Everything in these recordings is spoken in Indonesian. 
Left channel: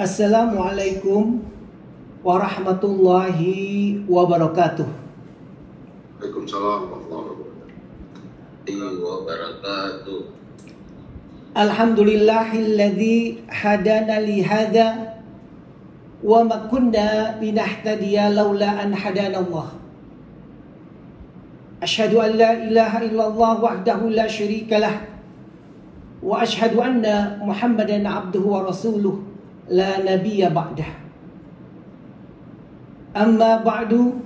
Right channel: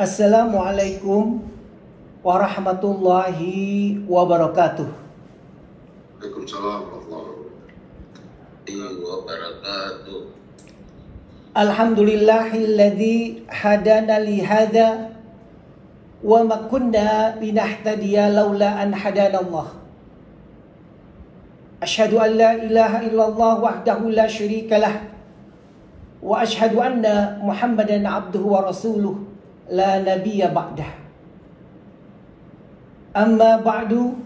Assalamualaikum warahmatullahi wabarakatuh. Waalaikumsalam warahmatullahi wabarakatuh. Alhamdulillahilladzi hadana li hadza wa ma kunna linahtadiya laula an hadana Allah. Asyhadu an la ilaha illallah wahdahu la syarika lah wa asyhadu anna Muhammadan abduhu wa rasuluh la nabiyya ba'dah. Amma ba'du,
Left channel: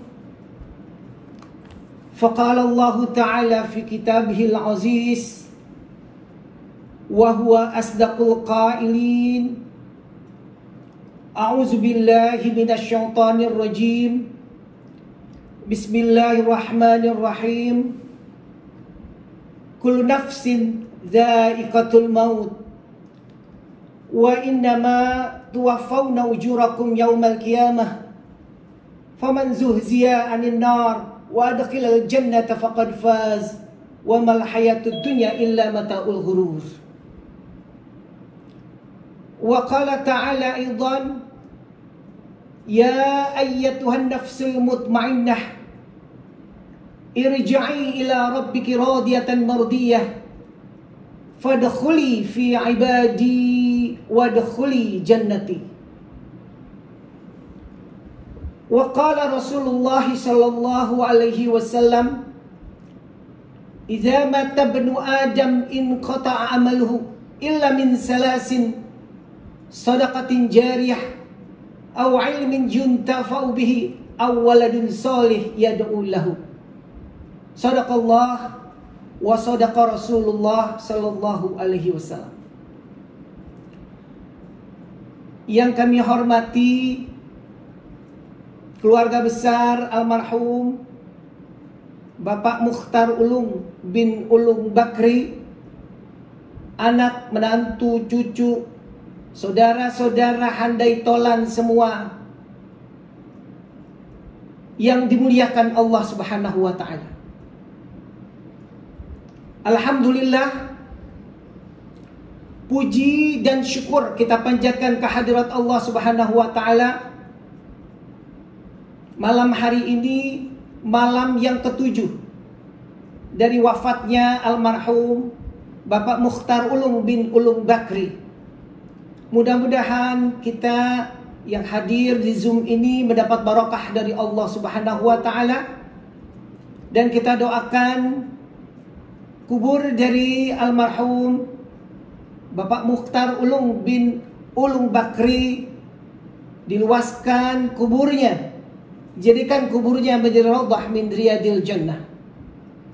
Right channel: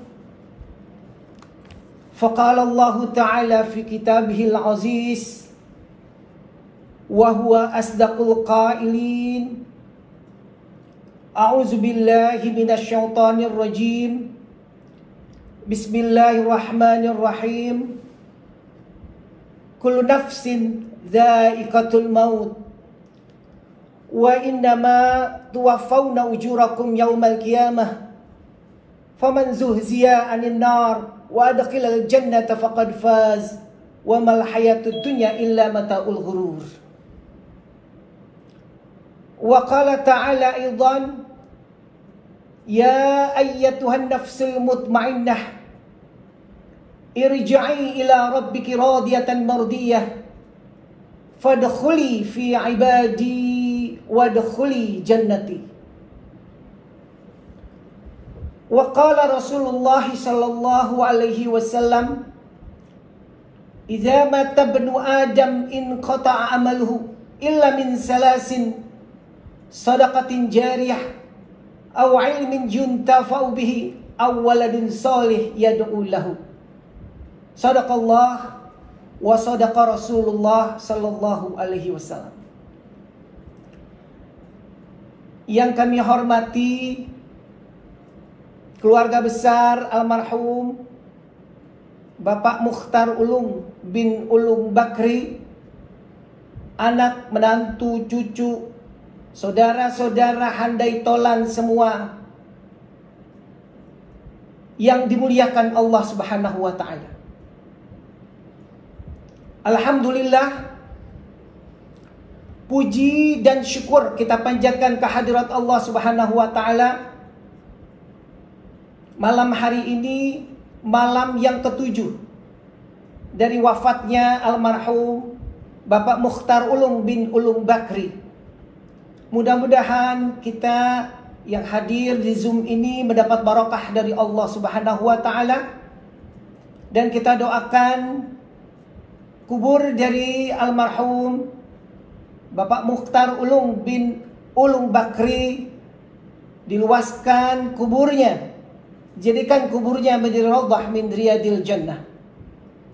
faqala Allah Ta'ala fi kitabihil aziz wa huwa asdaqul qailin. A'udzu billahi minasy syaithanir rajim. Bismillahirrahmanirrahim. Kullu nafsin dha'iqatul maut wa innama tuwaffawna ujurakum yawmal qiyamah faman zuhziya 'anil nar wa adkhilal jannata faqad faz wa mal hayatud dunya illa mata'ul ghurur. Wa qala ta'ala aidan, ya ayyatuhan nafsul mutmainnah irji'i ila rabbiki radiyatan mardiyah fadkhuli fi ibadi wadkhuli jannati. Wa qala Rasulullah sallallahu alaihi wasallam, idza mata ibnu adam in qata'a amaluhu illa min salasin, sadaqatin jariyah aw ilmin yuntafa'u bihi aw waladin salih yad'u lahu. Sadaqallah wa sadaqa Rasulullah sallallahu alaihi wasallam. Yang kami hormati keluarga besar almarhum Bapak Mukhtar Ulung bin Ulung Bakri, anak, menantu, cucu, saudara-saudara handai tolan semua yang dimuliakan Allah Subhanahu wa ta'ala. Alhamdulillah, puji dan syukur kita panjatkan kehadirat Allah Subhanahu wa ta'ala. Malam hari ini malam yang ketujuh dari wafatnya almarhum Bapak Mukhtar Ulung bin Ulung Bakri. Mudah-mudahan kita yang hadir di Zoom ini mendapat barakah dari Allah Subhanahu wa ta'ala. Dan kita doakan kubur dari almarhum Bapak Mukhtar Ulung bin Ulung Bakri diluaskan kuburnya, jadikan kuburnya menjadi raudhah min riyadil jannah,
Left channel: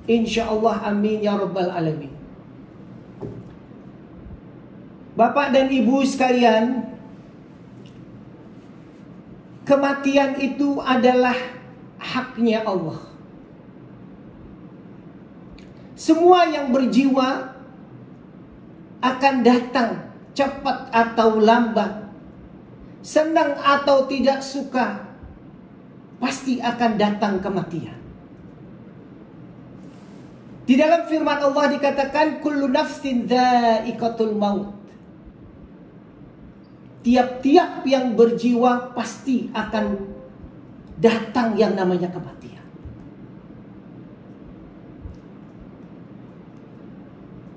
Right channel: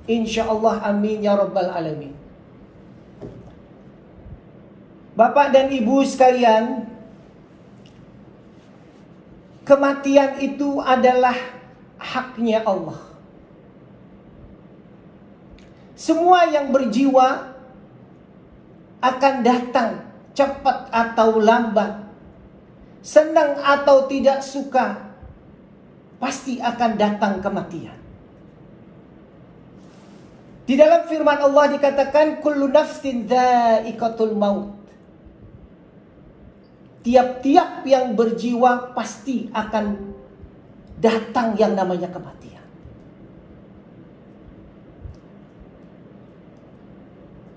insyaallah, amin ya rabbal alamin. Bapak dan Ibu sekalian, kematian itu adalah haknya Allah. Semua yang berjiwa akan datang cepat atau lambat, senang atau tidak suka, pasti akan datang kematian. Di dalam firman Allah dikatakan kullu nafsin dha'iqatul maut. Tiap-tiap yang berjiwa pasti akan datang yang namanya kematian.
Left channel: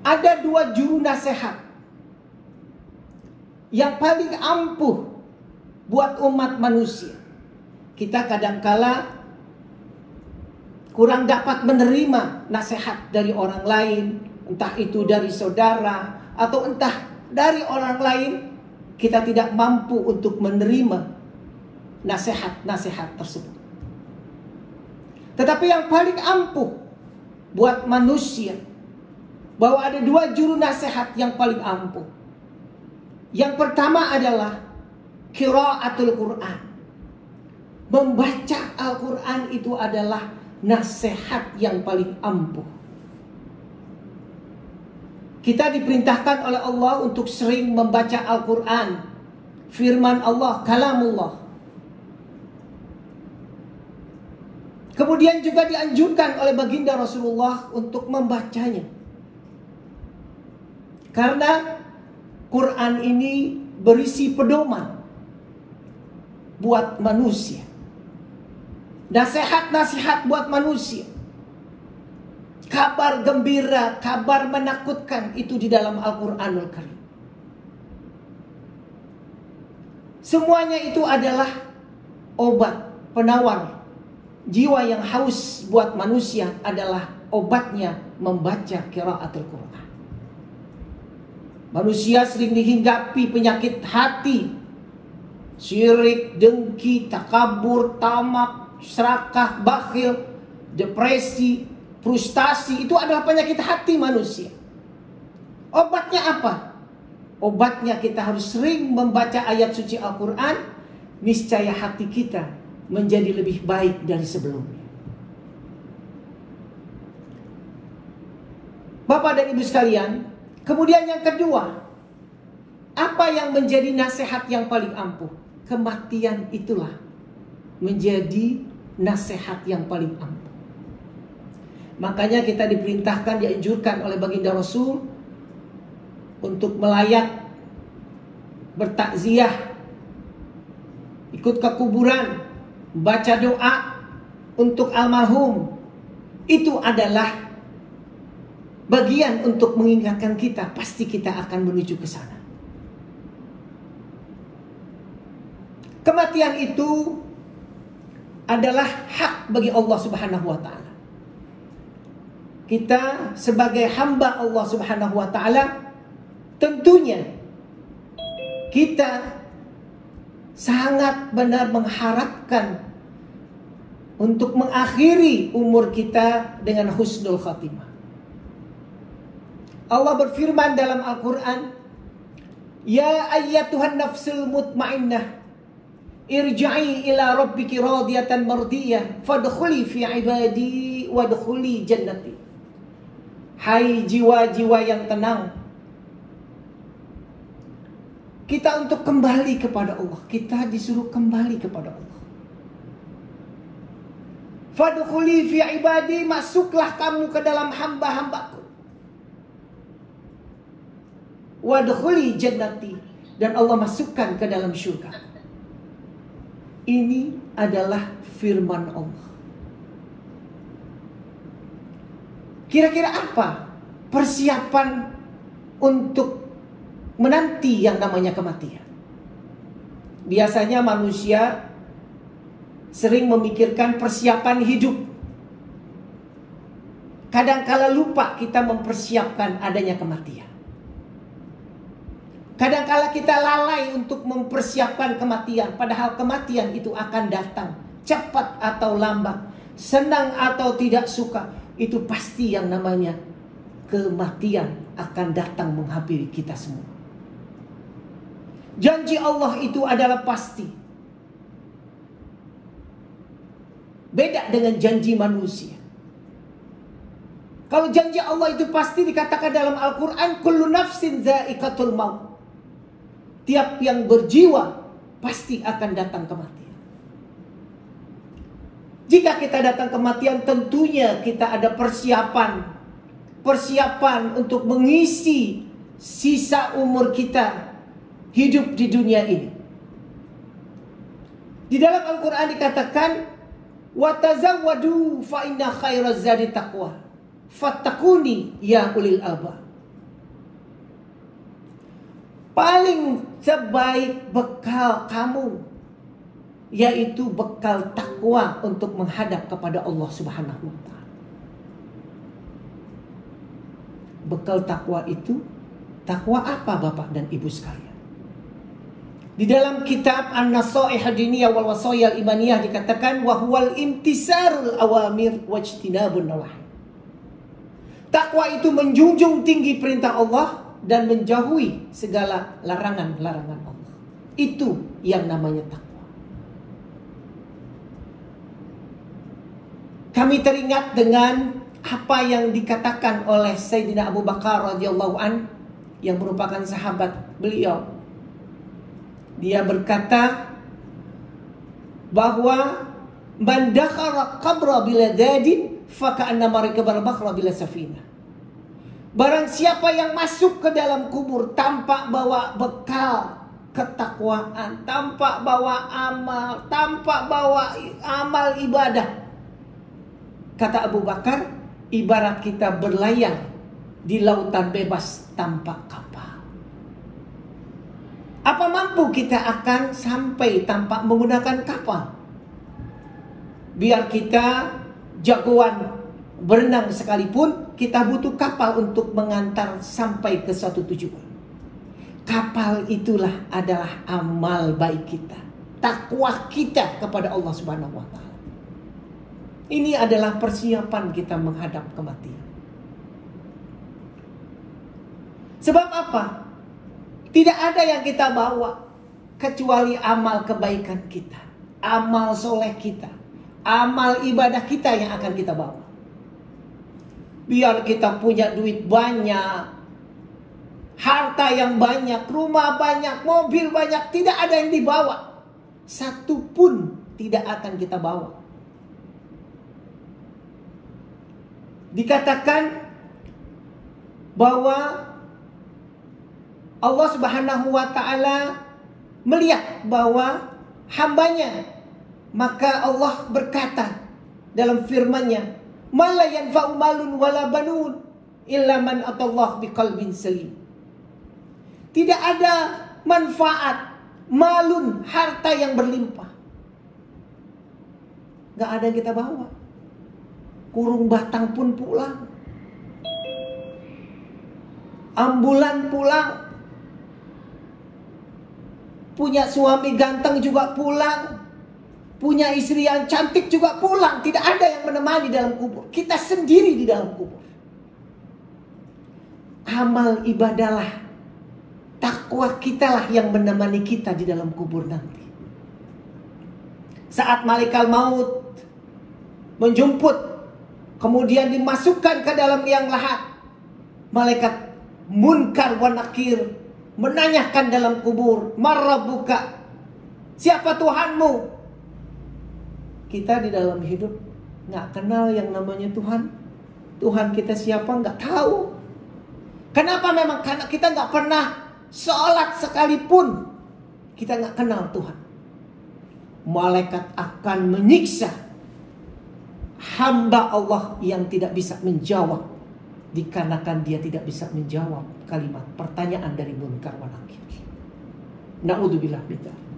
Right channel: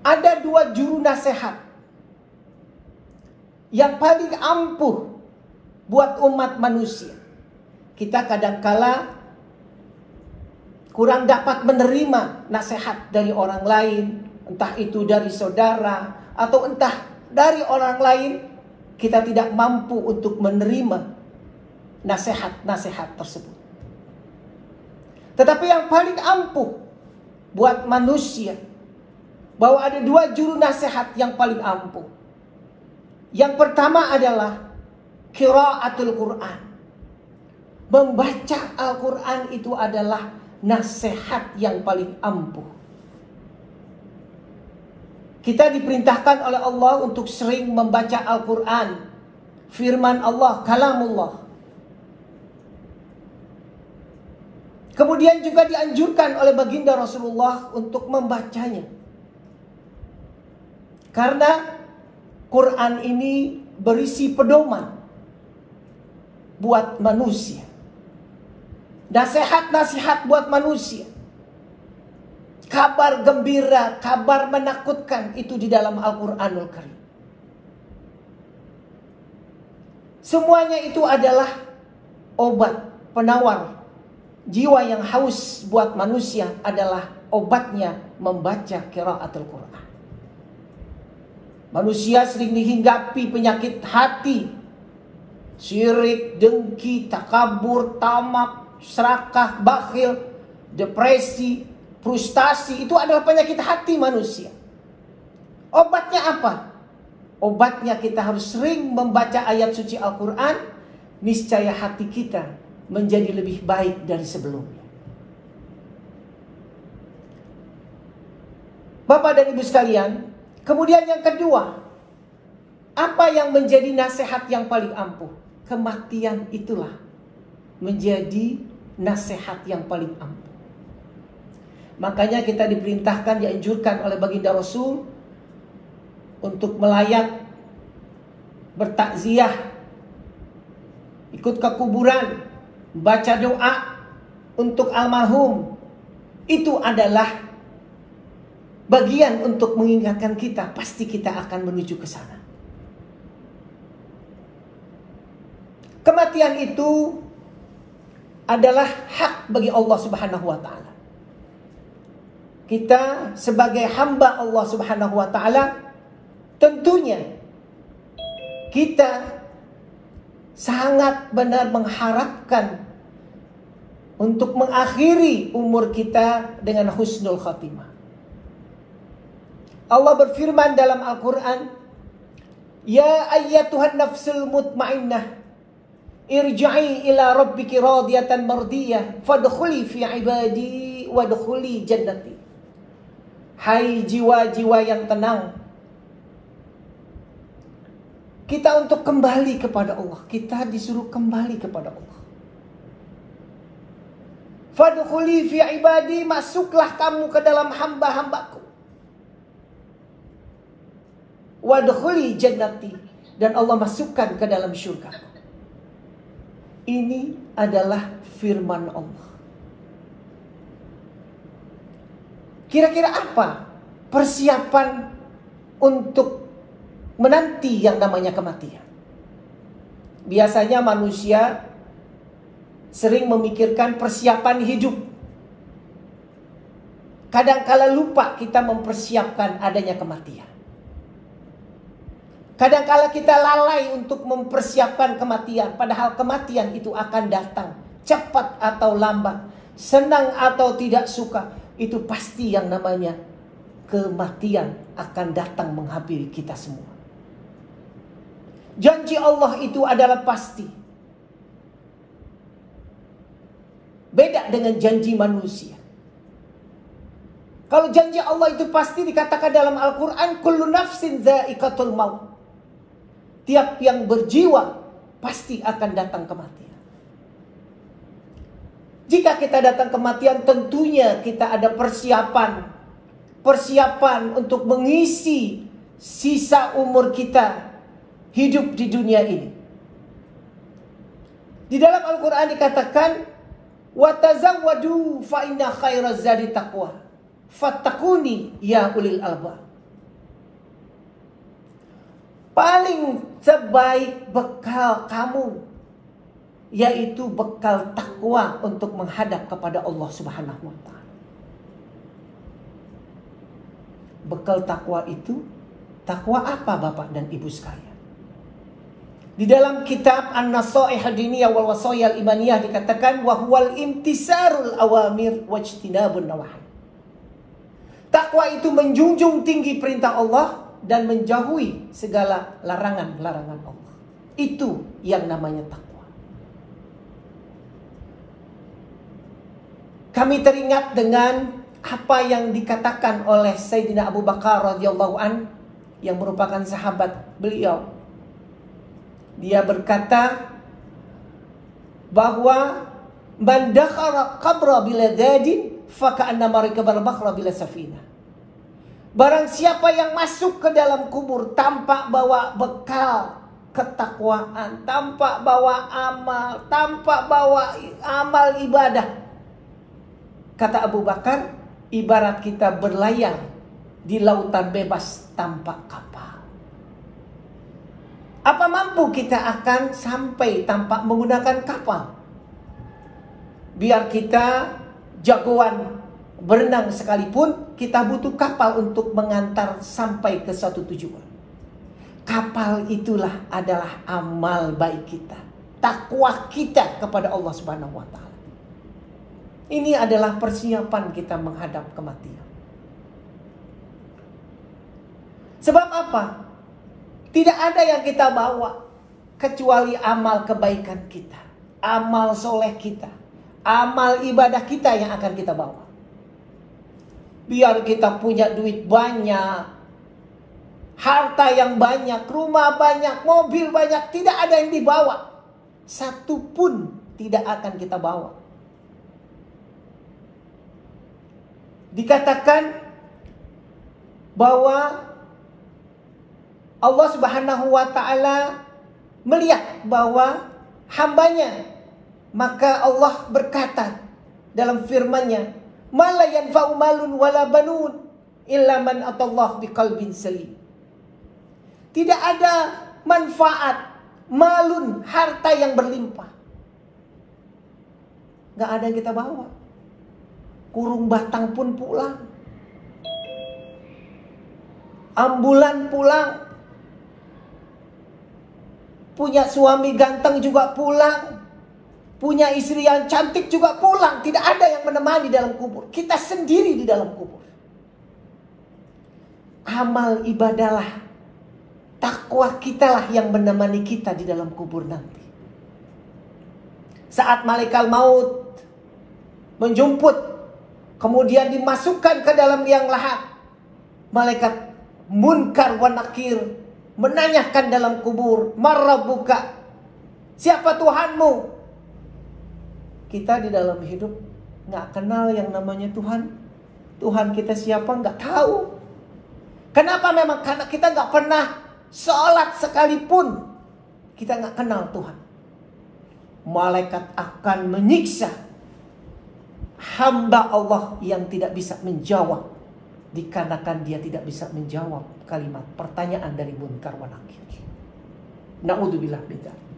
Ada dua juru nasihat yang paling ampuh buat umat manusia. Kita kadangkala kurang dapat menerima nasihat dari orang lain, entah itu dari saudara atau entah dari orang lain. Kita tidak mampu untuk menerima nasihat-nasihat tersebut. Tetapi yang paling ampuh buat manusia, bahwa ada dua juru nasihat yang paling ampuh. Yang pertama adalah qiraatul Quran. Membaca Al-Quran itu adalah nasihat yang paling ampuh. Kita diperintahkan oleh Allah untuk sering membaca Al-Quran, firman Allah, kalamullah. Kemudian juga dianjurkan oleh baginda Rasulullah untuk membacanya. Karena Quran ini berisi pedoman buat manusia. Nasihat-nasihat buat manusia. Kabar gembira, kabar menakutkan itu di dalam Al-Quranul Karim. Semuanya itu adalah obat penawar. Jiwa yang haus buat manusia adalah obatnya membaca qiraatul Quran. Manusia sering dihinggapi penyakit hati, syirik, dengki, takabur, tamak, serakah, bakhil, depresi, frustasi. Itu adalah penyakit hati manusia. Obatnya apa? Obatnya kita harus sering membaca ayat suci Al-Quran. Niscaya hati kita menjadi lebih baik dari sebelumnya. Bapak dan Ibu sekalian, kemudian yang kedua, apa yang menjadi nasihat yang paling ampuh? Kematian itulah menjadi nasihat yang paling ampuh. Makanya kita diperintahkan, dianjurkan oleh baginda Rasul untuk melayat, bertakziah, ikut ke kuburan, baca doa untuk almarhum. Itu adalah bagian untuk mengingatkan kita, pasti kita akan menuju ke sana. Kematian itu adalah hak bagi Allah Subhanahu wa taala. Kita sebagai hamba Allah Subhanahu wa taala, tentunya kita sangat benar mengharapkan untuk mengakhiri umur kita dengan husnul khatimah. Allah berfirman dalam Al-Quran, Ya ayyatuhan nafsul mutmainnah, irja'i ila rabbiki radiyatan mardiyah, fadkhuli fi ibadi wadkhuli jannati. Hai jiwa-jiwa yang tenang, kita untuk kembali kepada Allah. Kita disuruh kembali kepada Allah. Fadkhuli fi ibadi, masuklah kamu ke dalam hamba-hambaku. Wadkhuli jannati, dan Allah masukkan ke dalam syurga. Ini adalah firman Allah. Kira-kira apa persiapan untuk menanti yang namanya kematian? Biasanya manusia sering memikirkan persiapan hidup. Kadangkala lupa kita mempersiapkan adanya kematian. Kadangkala kita lalai untuk mempersiapkan kematian, padahal kematian itu akan datang, cepat atau lambat, senang atau tidak suka. Itu pasti yang namanya kematian akan datang menghampiri kita semua. Janji Allah itu adalah pasti. Beda dengan janji manusia. Kalau janji Allah itu pasti, dikatakan dalam Al-Quran, kullu nafsin dha'iqatul maut. Tiap yang berjiwa pasti akan datang kematian. Jika kita datang kematian, tentunya kita ada persiapan untuk mengisi sisa umur kita hidup di dunia ini. Di dalam Al-Quran dikatakan, وَتَزَوَّدُوا فَإِنَّ خَيْرَ الزَّادِ تَقْوَى فَاتَّقُونِي يَا أُولِي الْأَلْبَابِ. Paling sebaik bekal kamu yaitu bekal takwa untuk menghadap kepada Allah Subhanahu wa taala. Bekal takwa itu, takwa apa Bapak dan Ibu sekalian? Di dalam kitab An-Nasaih Ad-Diniyah wal Wasaya Al-Imaniyah dikatakan, wa huwal imtisarul awamir wajtinabun nawahi. Takwa itu menjunjung tinggi perintah Allah dan menjauhi segala larangan-larangan Allah. Itu yang namanya takwa. Kami teringat dengan apa yang dikatakan oleh Sayyidina Abu Bakar radhiyallahu an, yang merupakan sahabat beliau. Dia berkata bahwa man dakhala qabra bila dadin fa ka'annama rakabal bakhra bila safina. Barang siapa yang masuk ke dalam kubur tanpa bawa bekal, ketakwaan, tanpa bawa amal ibadah. Kata Abu Bakar, ibarat kita berlayar di lautan bebas tanpa kapal. Apa mampu kita akan sampai tanpa menggunakan kapal? Biar kita jagoan berenang sekalipun, kita butuh kapal untuk mengantar sampai ke suatu tujuan. Kapal itulah adalah amal baik kita, takwa kita kepada Allah Subhanahu wa taala. Ini adalah persiapan kita menghadap kematian. Sebab apa? Tidak ada yang kita bawa kecuali amal kebaikan kita, amal soleh kita, amal ibadah kita yang akan kita bawa. Biar kita punya duit banyak, harta yang banyak, rumah banyak, mobil banyak, tidak ada yang dibawa. Satu pun tidak akan kita bawa. Dikatakan bahwa Allah Subhanahu wa taala melihat bahwa hambanya, maka Allah berkata dalam firman-Nya, "Ma la yanfa'u malun wala banun illa man atallah biqalbin salim." Tidak ada manfaat malun, harta yang berlimpah. Gak ada yang kita bawa. Kurung batang pun pulang. Ambulan pulang. Punya suami ganteng juga pulang. Punya istri yang cantik juga pulang. Tidak ada yang menemani dalam kubur. Kita sendiri di dalam kubur. Amal ibadahlah, takwa kitalah yang menemani kita di dalam kubur nanti. Saat malaikat maut menjemput, kemudian dimasukkan ke dalam liang lahat, malaikat Munkar wa Nakir menanyakan dalam kubur, "Marrabbuka?" Siapa Tuhanmu? Kita di dalam hidup nggak kenal yang namanya Tuhan. Tuhan kita siapa nggak tahu. Kenapa? Memang karena kita nggak pernah sholat sekalipun, kita nggak kenal Tuhan. Malaikat akan menyiksa hamba Allah yang tidak bisa menjawab, dikarenakan dia tidak bisa menjawab kalimat pertanyaan dari Munkar wa Nakir. Na'udzubillah bidzalik.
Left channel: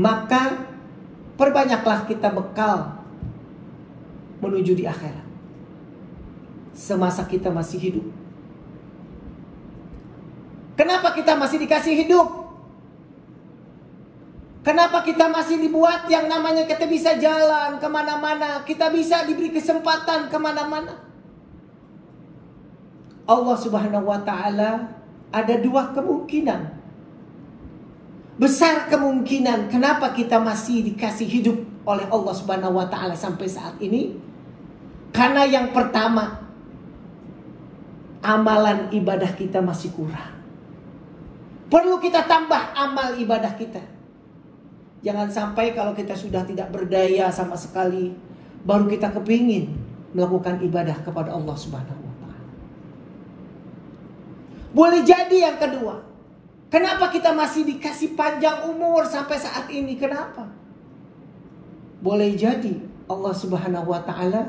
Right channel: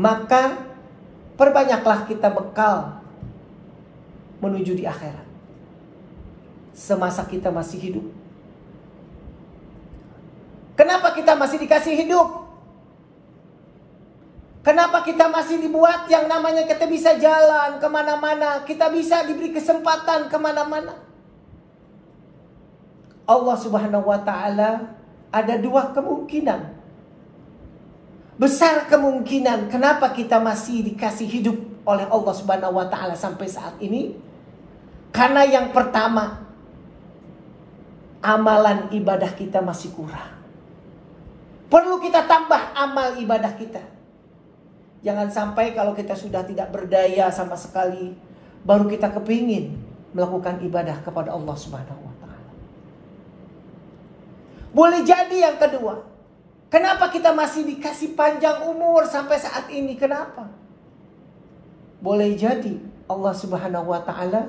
Maka perbanyaklah kita bekal menuju di akhirat semasa kita masih hidup. Kenapa kita masih dikasih hidup? Kenapa kita masih dibuat yang namanya kita bisa jalan kemana-mana, kita bisa diberi kesempatan kemana-mana? Allah Subhanahu wa ta'ala ada dua kemungkinan. Besar kemungkinan kenapa kita masih dikasih hidup oleh Allah Subhanahu wa ta'ala sampai saat ini. Karena yang pertama, amalan ibadah kita masih kurang. Perlu kita tambah amal ibadah kita. Jangan sampai kalau kita sudah tidak berdaya sama sekali, baru kita kepingin melakukan ibadah kepada Allah Subhanahu wa ta'ala. Boleh jadi yang kedua, kenapa kita masih dikasih panjang umur sampai saat ini? Kenapa? Boleh jadi Allah Subhanahu wa ta'ala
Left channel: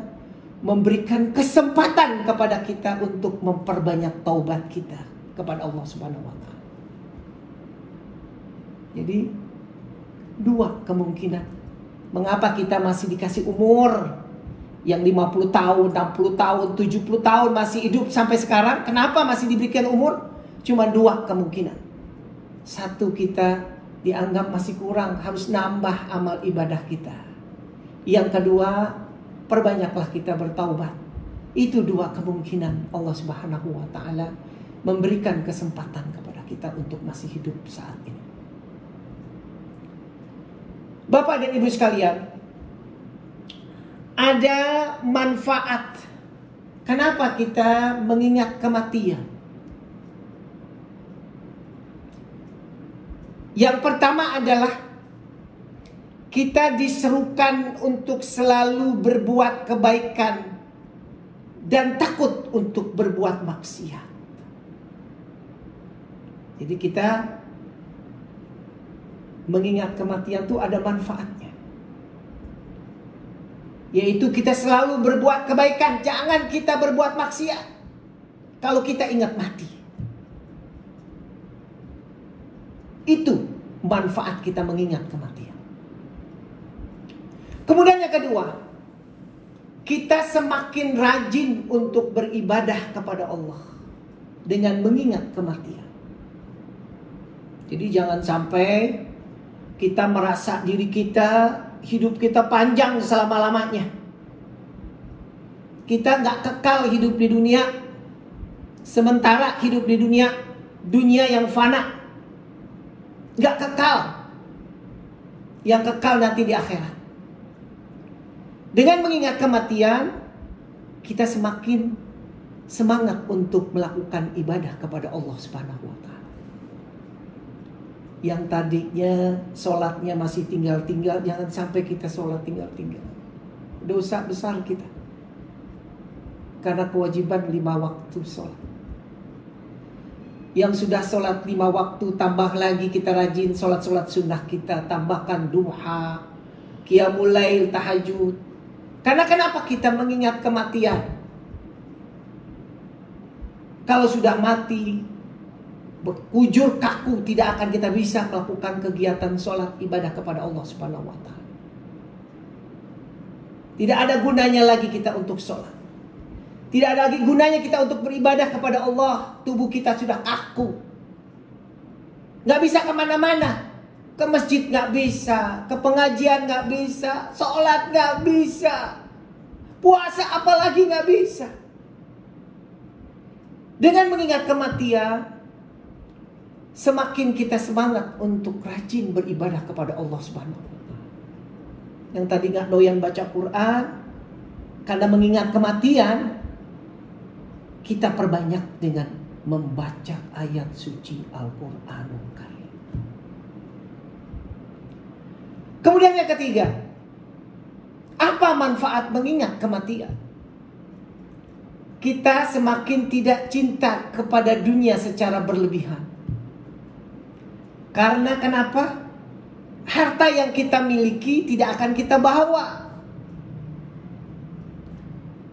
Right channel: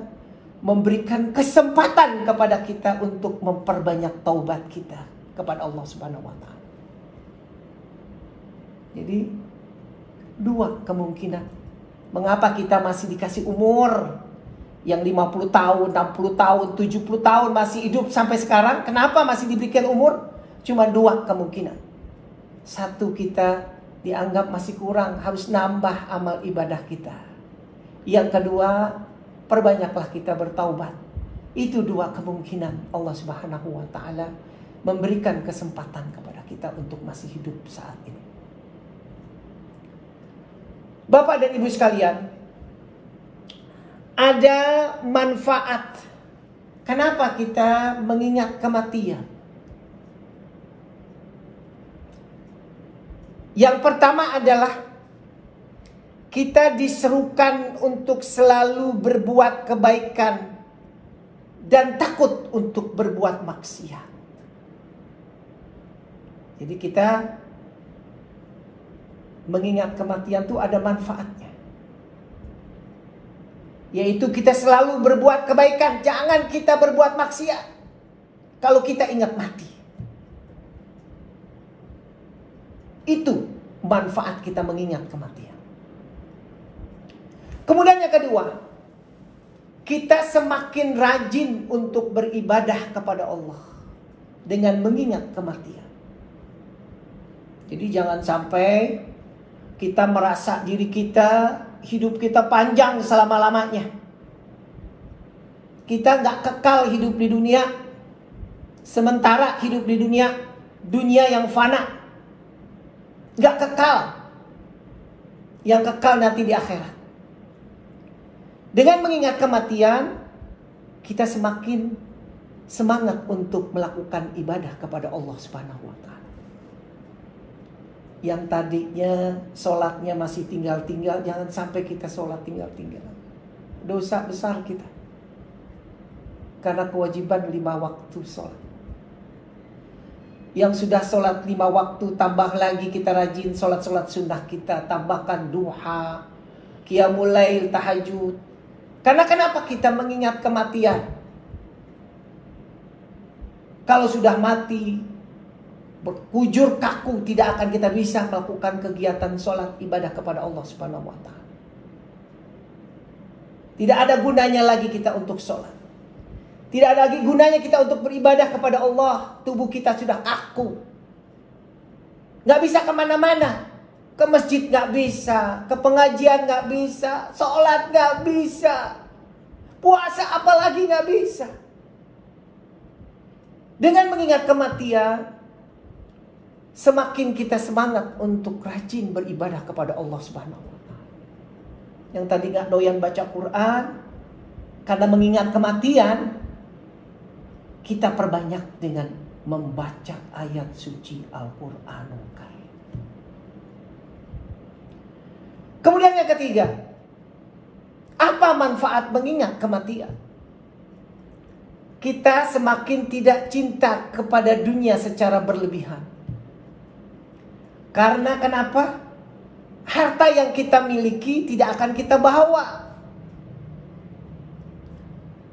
memberikan kesempatan kepada kita untuk memperbanyak taubat kita kepada Allah Subhanahu wa ta'ala. Jadi dua kemungkinan. Mengapa kita masih dikasih umur yang 50 tahun, 60 tahun, 70 tahun masih hidup sampai sekarang? Kenapa masih diberikan umur? Cuma dua kemungkinan. Satu, kita dianggap masih kurang, harus nambah amal ibadah kita. Yang kedua, perbanyaklah kita bertaubat. Itu dua kemungkinan Allah Subhanahu wa ta'ala memberikan kesempatan kepada kita untuk masih hidup saat ini. Bapak dan Ibu sekalian, ada manfaat. Kenapa kita mengingat kematian? Yang pertama adalah kita diserukan untuk selalu berbuat kebaikan dan takut untuk berbuat maksiat. Jadi kita mengingat kematian itu ada manfaatnya. Yaitu kita selalu berbuat kebaikan. Jangan kita berbuat maksiat kalau kita ingat mati. Itu manfaat kita mengingat kematian. Kemudian yang kedua, kita semakin rajin untuk beribadah kepada Allah dengan mengingat kematian. Jadi jangan sampai kita merasa diri kita, hidup kita panjang selama-lamanya. Kita gak kekal hidup di dunia. Sementara hidup di dunia yang fana, gak kekal. Yang kekal nanti di akhirat. Dengan mengingat kematian, kita semakin semangat untuk melakukan ibadah kepada Allah Subhanahu wa Ta'ala. Yang tadinya sholatnya masih tinggal-tinggal, jangan sampai kita sholat tinggal-tinggal. Dosa besar kita. Karena kewajiban 5 waktu sholat. Yang sudah sholat 5 waktu, tambah lagi kita rajin sholat-sholat sunnah kita. Tambahkan duha, qiyamul lail, tahajud. Karena kenapa kita mengingat kematian? Kalau sudah mati, berkujur kaku, tidak akan kita bisa melakukan kegiatan sholat ibadah kepada Allah Subhanahu wa Ta'ala. Tidak ada gunanya lagi kita untuk sholat. Tidak ada lagi gunanya kita untuk beribadah kepada Allah. Tubuh kita sudah kaku. Gak bisa kemana-mana. Ke masjid gak bisa, ke pengajian gak bisa, sholat gak bisa, puasa apalagi gak bisa. Dengan mengingat kematian, semakin kita semangat untuk rajin beribadah kepada Allah Subhanahu wa Ta'ala. Yang tadi gak doyan baca Quran, karena mengingat kematian, kita perbanyak dengan membaca ayat suci Al-Quranul Karim. Kemudian yang ketiga, apa manfaat mengingat kematian? Kita semakin tidak cinta kepada dunia secara berlebihan. Karena kenapa? Harta yang kita miliki tidak akan kita bawa.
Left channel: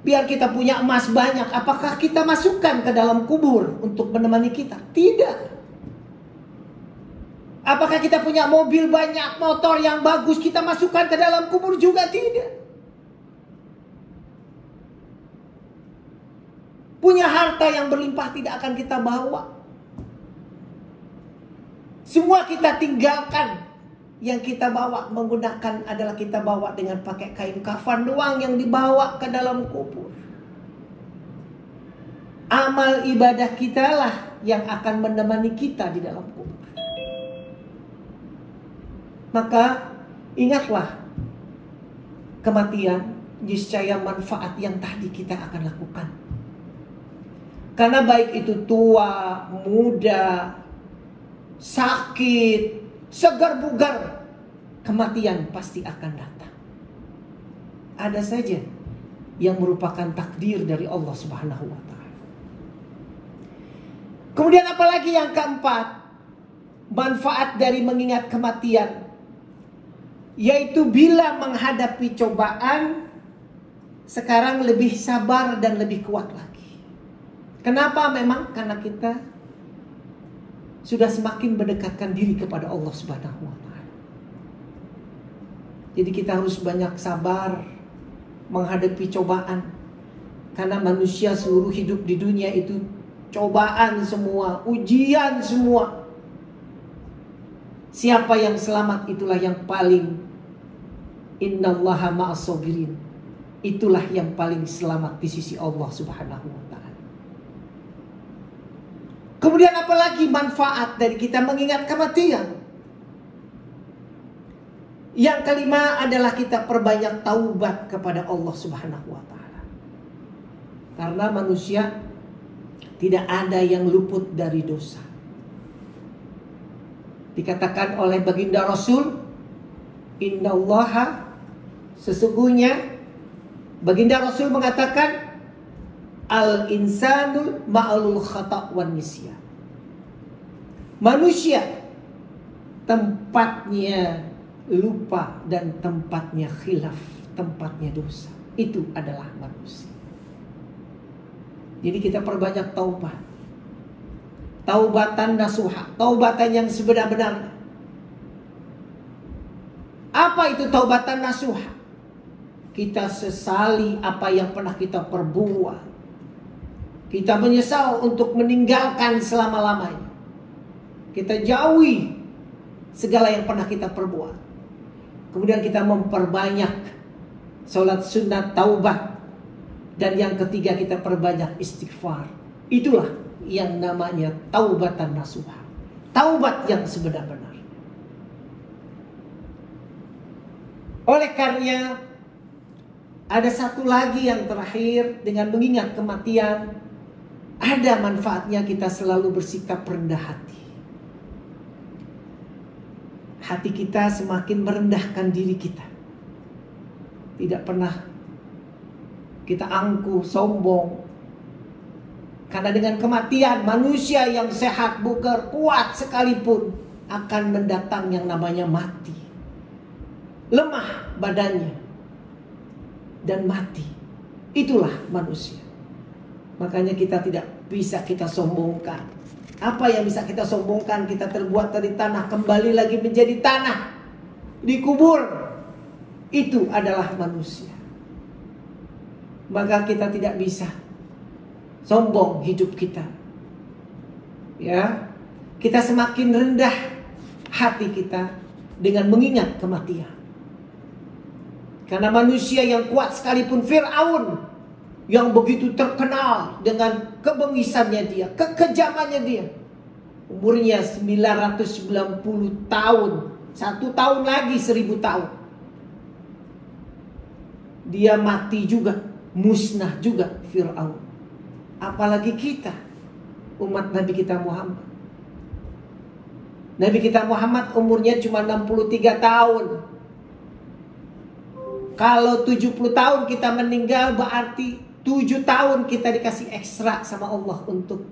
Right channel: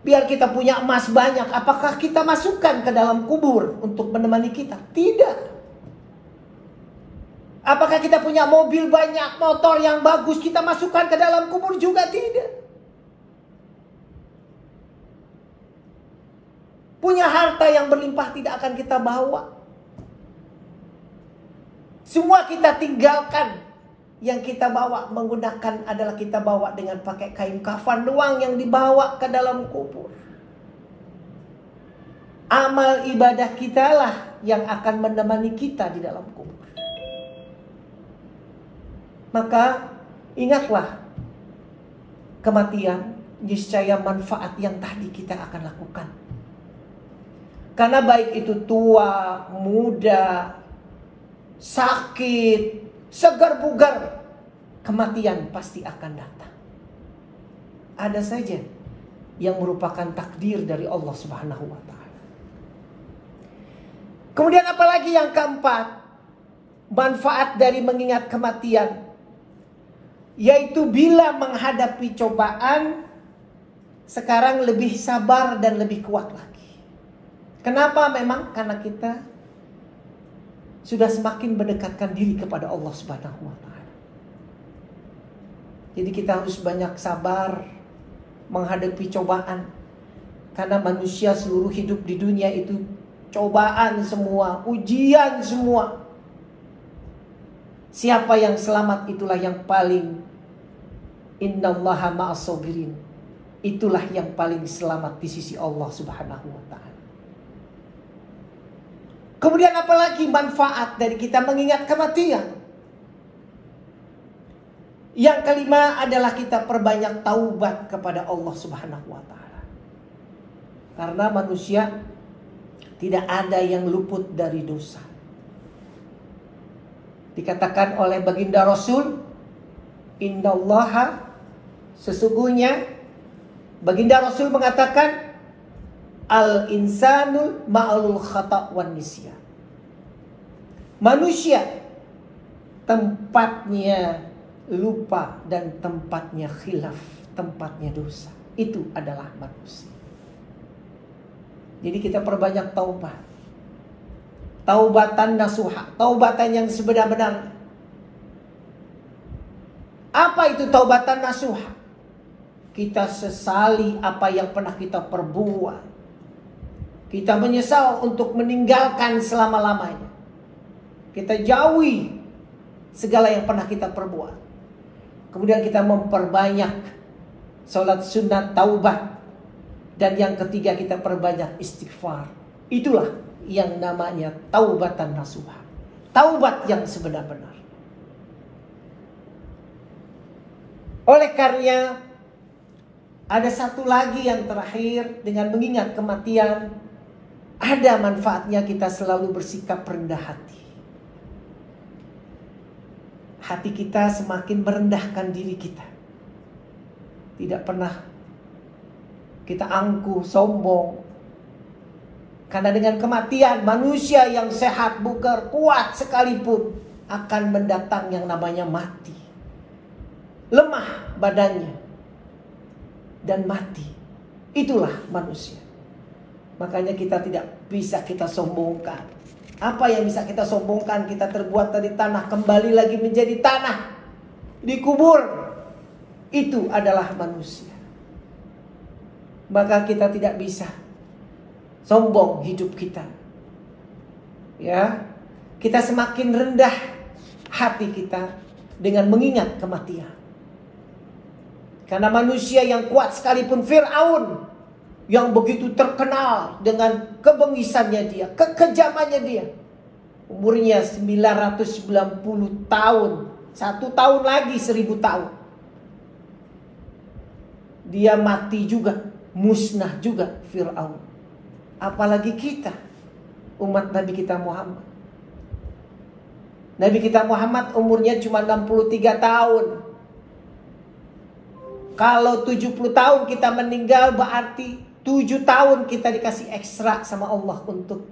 Biar kita punya emas banyak, apakah kita masukkan ke dalam kubur untuk menemani kita? Tidak. Apakah kita punya mobil banyak, motor yang bagus, kita masukkan ke dalam kubur? Juga tidak. Punya harta yang berlimpah tidak akan kita bawa. Semua kita tinggalkan. Yang kita bawa menggunakan adalah kita bawa dengan pakai kain kafan doang yang dibawa ke dalam kubur. Amal ibadah kita lah yang akan menemani kita di dalam kubur. Maka ingatlah kematian, niscaya manfaat yang tadi kita akan lakukan. Karena baik itu tua, muda, sakit, segar bugar, kematian pasti akan datang. Ada saja yang merupakan takdir dari Allah Subhanahu wa Ta'ala. Kemudian apalagi yang keempat, manfaat dari mengingat kematian, yaitu bila menghadapi cobaan, sekarang lebih sabar dan lebih kuat lagi. Kenapa? Memang karena kita sudah semakin mendekatkan diri kepada Allah Subhanahu wa Ta'ala. Jadi kita harus banyak sabar menghadapi cobaan. Karena manusia seluruh hidup di dunia itu cobaan semua, ujian semua. Siapa yang selamat itulah yang paling, innallaha ma'as sabirin. Itulah yang paling selamat di sisi Allah Subhanahu wa Ta'ala. Kemudian apalagi manfaat dari kita mengingat kematian? Yang kelima adalah kita perbanyak taubat kepada Allah Subhanahu wa Ta'ala. Karena manusia tidak ada yang luput dari dosa. Dikatakan oleh baginda Rasul, innallaha, sesungguhnya baginda Rasul mengatakan, al-insanul ma'alul khata' wan nisyan. Manusia tempatnya lupa dan tempatnya khilaf, tempatnya dosa. Itu adalah manusia. Jadi kita perbanyak taubat. Taubatan nasuha, taubatan yang sebenar-benarnya. Apa itu taubatan nasuha? Kita sesali apa yang pernah kita perbuat. Kita menyesal untuk meninggalkan selama-lamanya. Kita jauhi segala yang pernah kita perbuat. Kemudian kita memperbanyak salat sunat taubat. Dan yang ketiga kita perbanyak istighfar. Itulah yang namanya taubatan nasuha. Taubat yang sebenar-benar. Oleh karenanya ada satu lagi yang terakhir, dengan mengingat kematian, ada manfaatnya kita selalu bersikap rendah hati. Hati kita semakin merendahkan diri kita. Tidak pernah kita angkuh, sombong. Karena dengan kematian, manusia yang sehat, bugar, kuat sekalipun akan mendatang yang namanya mati. Lemah badannya dan mati. Itulah manusia. Makanya kita tidak bisa kita sombongkan. Apa yang bisa kita sombongkan? Kita terbuat dari tanah, kembali lagi menjadi tanah, dikubur. Itu adalah manusia. Maka kita tidak bisa sombong hidup kita. Ya, kita semakin rendah hati kita dengan mengingat kematian. Karena manusia yang kuat sekalipun, Fir'aun yang begitu terkenal dengan kebengisannya dia, kekejamannya dia, umurnya 990 tahun, 1 tahun lagi 1000 tahun, dia mati juga, musnah juga Fir'aun. Apalagi kita, umat Nabi kita Muhammad. Nabi kita Muhammad umurnya cuma 63 tahun. Kalau 70 tahun kita meninggal, berarti 7 tahun kita dikasih ekstra sama Allah untuk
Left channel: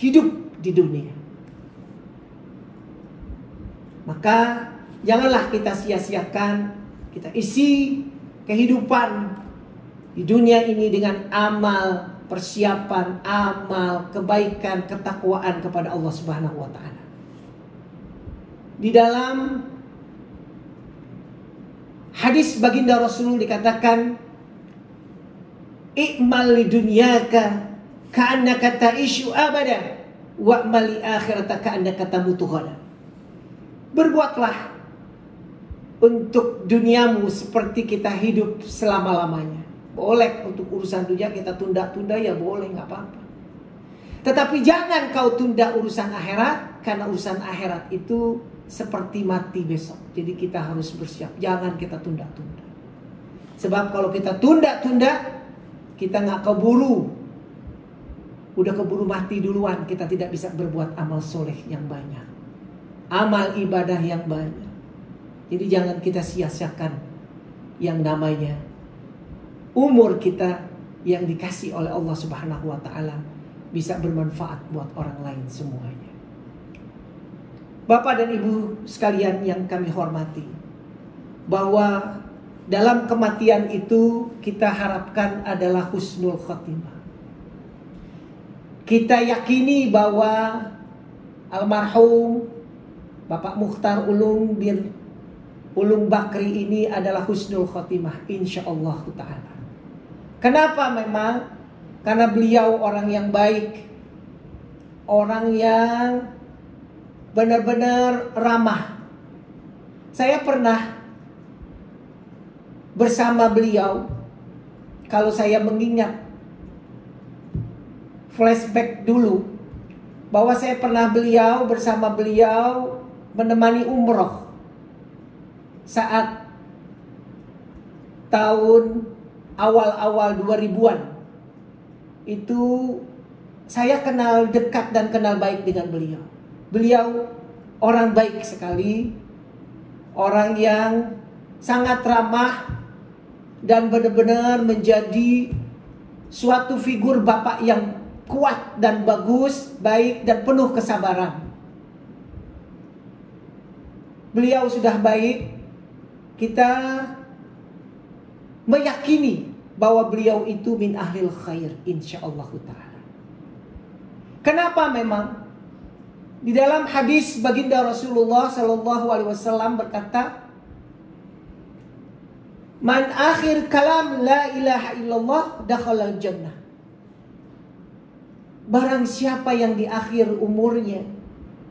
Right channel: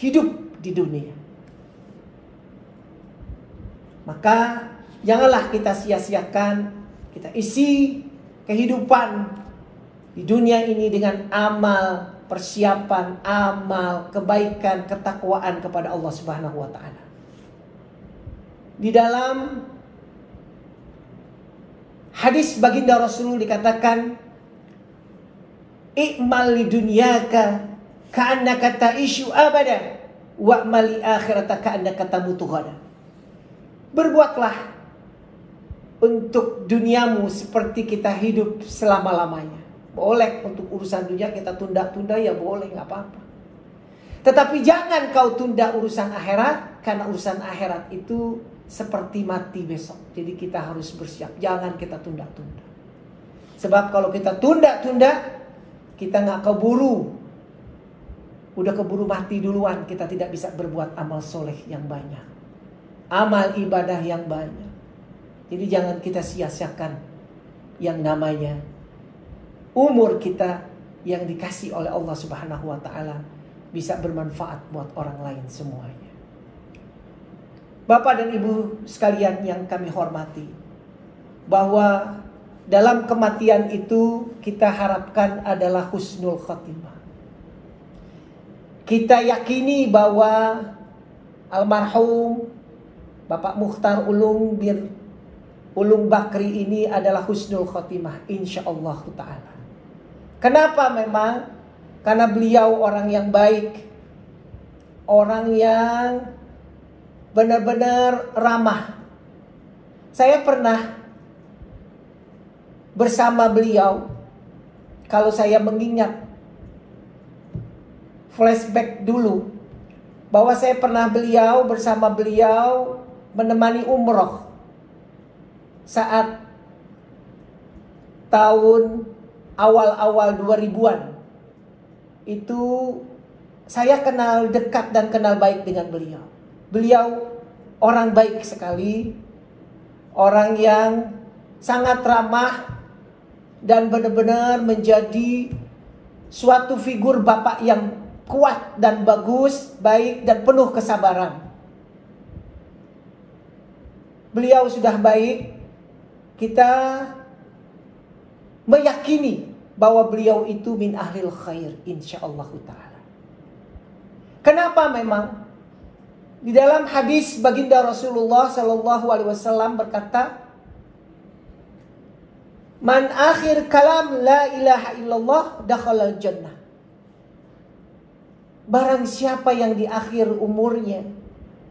hidup di dunia. Maka janganlah kita sia-siakan. Kita isi kehidupan di dunia ini dengan amal, persiapan, amal, kebaikan, ketakwaan kepada Allah Subhanahu wa taala. Di dalam hadis baginda Rasul dikatakan, "I'mal li dunyaka ka'annaka ta'ishu abada wa'mal li akhirata ka'annaka tamutu ghada." Berbuatlah untuk duniamu seperti kita hidup selama-lamanya. Boleh untuk urusan dunia kita tunda-tunda, ya boleh, nggak apa-apa. Tetapi jangan kau tunda urusan akhirat, karena urusan akhirat itu seperti mati besok. Jadi kita harus bersiap. Jangan kita tunda-tunda. Sebab kalau kita tunda-tunda, kita nggak keburu. Udah keburu mati duluan. Kita tidak bisa berbuat amal soleh yang banyak, amal ibadah yang banyak. Jadi jangan kita sia-siakan yang namanya umur kita yang dikasih oleh Allah Subhanahu wa taala bisa bermanfaat buat orang lain semuanya. Bapak dan Ibu sekalian yang kami hormati, bahwa dalam kematian itu kita harapkan adalah husnul khotimah. Kita yakini bahwa almarhum Bapak Mukhtar Ulung bin Ulung Bakri ini adalah husnul khotimah, insyaallah ta'ala. Kenapa memang? Karena beliau orang yang baik, orang yang benar-benar ramah. Saya pernah bersama beliau, kalau saya mengingat flashback dulu, bahwa saya pernah bersama beliau menemani umroh saat tahun awal-awal 2000-an. Itu saya kenal dekat dan kenal baik dengan beliau. Beliau orang baik sekali, orang yang sangat ramah dan benar-benar menjadi suatu figur bapak yang kuat dan bagus, baik dan penuh kesabaran. beliau sudah baik, kita meyakini bahwa beliau itu min ahlil khair insyaallah ta'ala. Kenapa? Memang di dalam hadis baginda Rasulullah sallallahu alaihi wasallam berkata, "Man akhir kalam la ilaha illallah dakhalal jannah." Barang siapa yang di akhir umurnya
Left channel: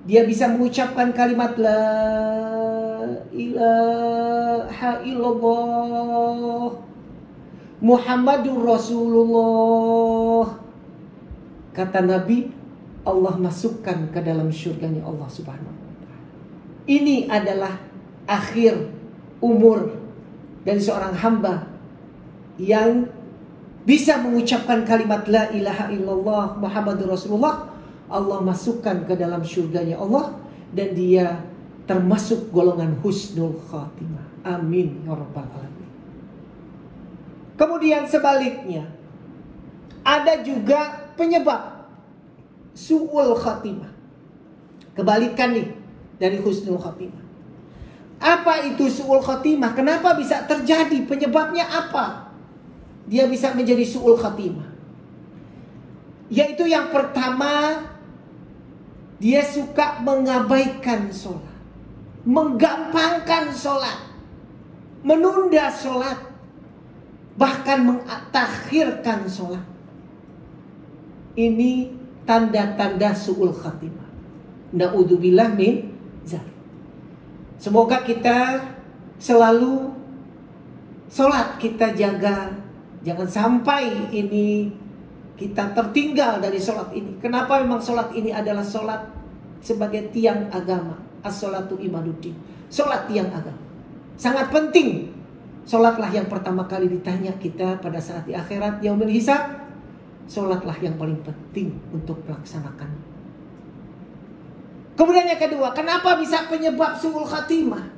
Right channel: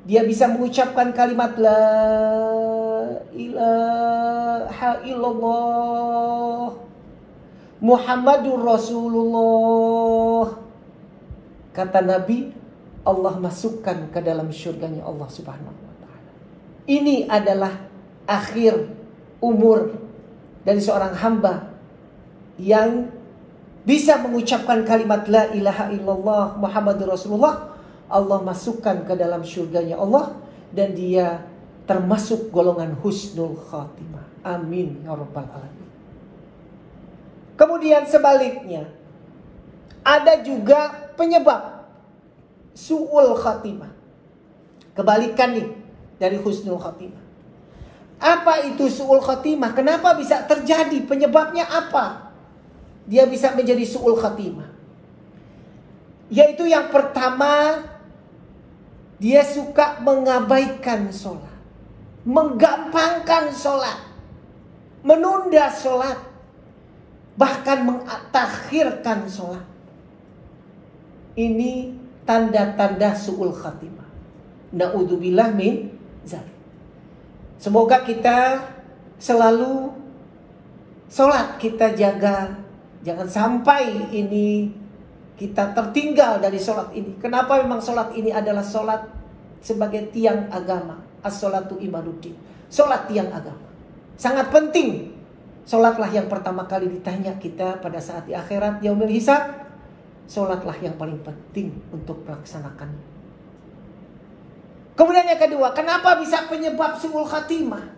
dia bisa mengucapkan kalimat la ilaha illallah Muhammadur Rasulullah, kata Nabi, Allah masukkan ke dalam syurganya Allah subhanahu wa ta'ala. Ini adalah akhir umur dari seorang hamba yang bisa mengucapkan kalimat la ilaha illallah Muhammadur Rasulullah. Allah masukkan ke dalam syurganya Allah dan dia termasuk golongan husnul khatimah. Amin ya rabbal alamin. Kemudian sebaliknya, ada juga penyebab su'ul khatimah. Kebalikan nih dari husnul khatimah. Apa itu su'ul khatimah? Kenapa bisa terjadi? Penyebabnya apa? Dia bisa menjadi su'ul khatimah. Yaitu yang pertama, dia suka mengabaikan sholat, menggampangkan sholat, menunda sholat, bahkan mentakhirkan sholat. Ini tanda-tanda su'ul khatimah. Na'udzubillah min dzalik. Semoga kita selalu sholat kita jaga. Jangan sampai ini kita tertinggal dari sholat ini. Kenapa? Memang sholat ini adalah sholat sebagai tiang agama. As-sholatu imaduddin. Sholat tiang agama. Sangat penting. Sholatlah yang pertama kali ditanya kita pada saat di akhirat yaumil hisab. Sholatlah yang paling penting untuk melaksanakan. Kemudian yang kedua, kenapa bisa penyebab su'ul khatimah?